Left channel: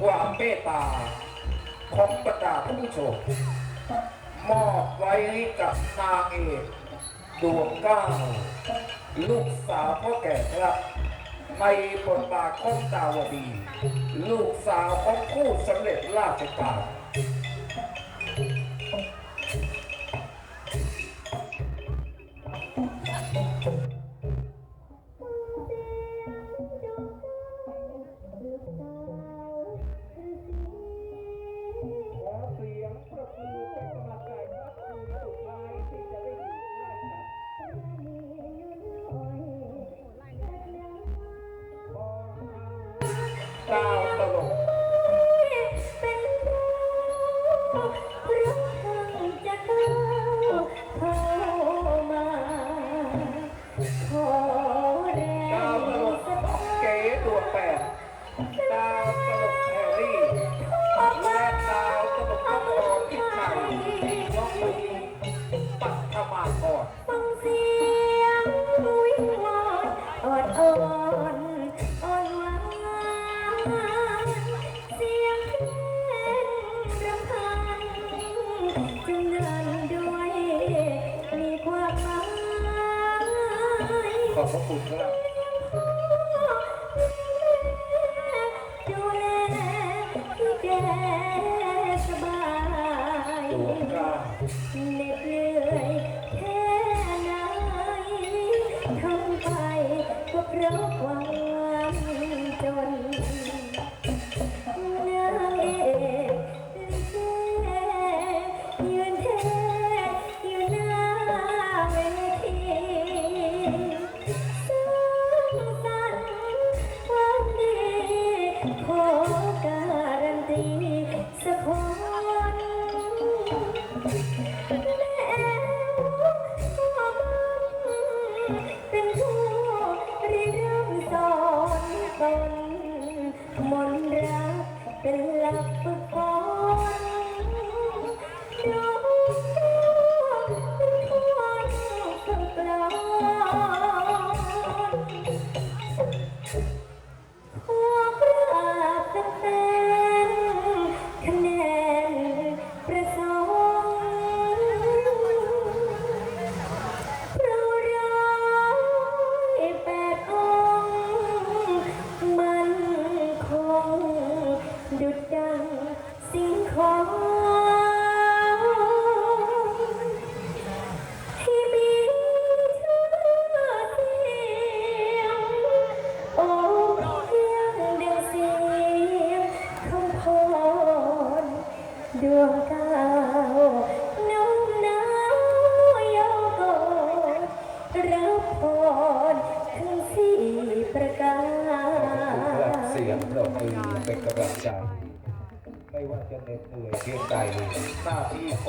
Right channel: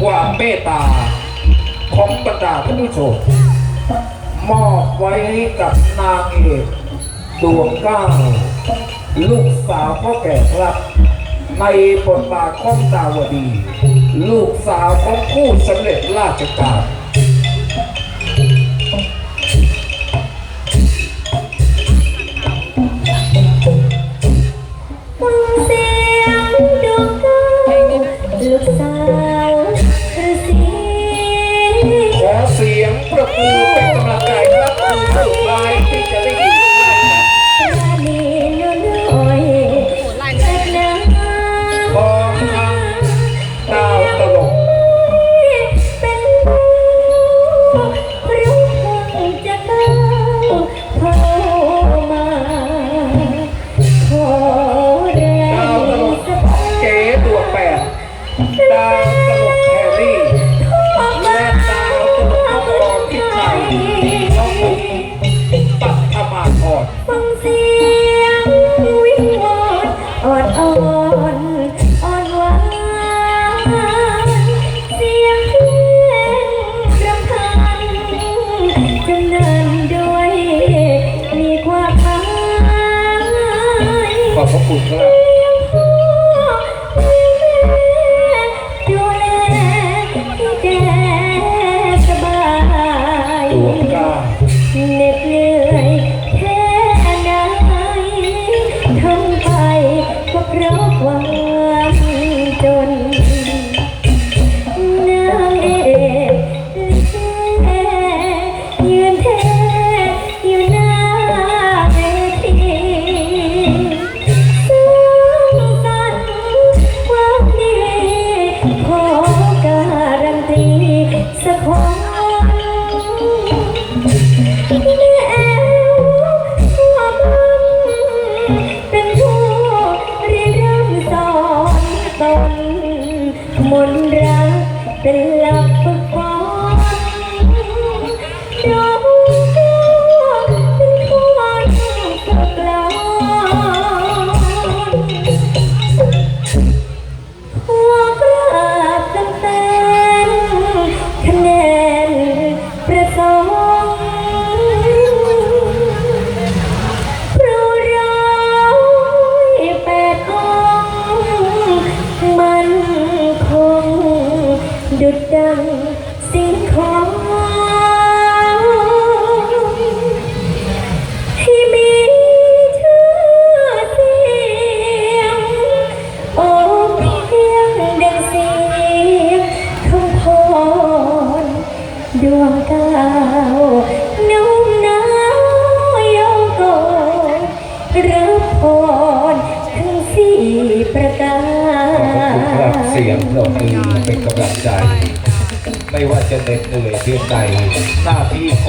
ความเมตตา ของบรรดาผู้ชมมอบไว้กับนางเอกดวงก้าลูกสาวพ่อแก่ครับ ในบทบาทของดาวดี ลูกสาวของผู้สำเร็จราชการ ถูดวกล้าเหน็ดเหนื่อยแค่ไหนทำไปก็พราะ ดวงดาวนุ่มน้ายองโกนรับพรทั้งสี่ประกาศรับเสียงลงมือเป็นกำลังใจ ไม่ว่าจะเหน็ดเหนื่อยเพียงใดหน้าที่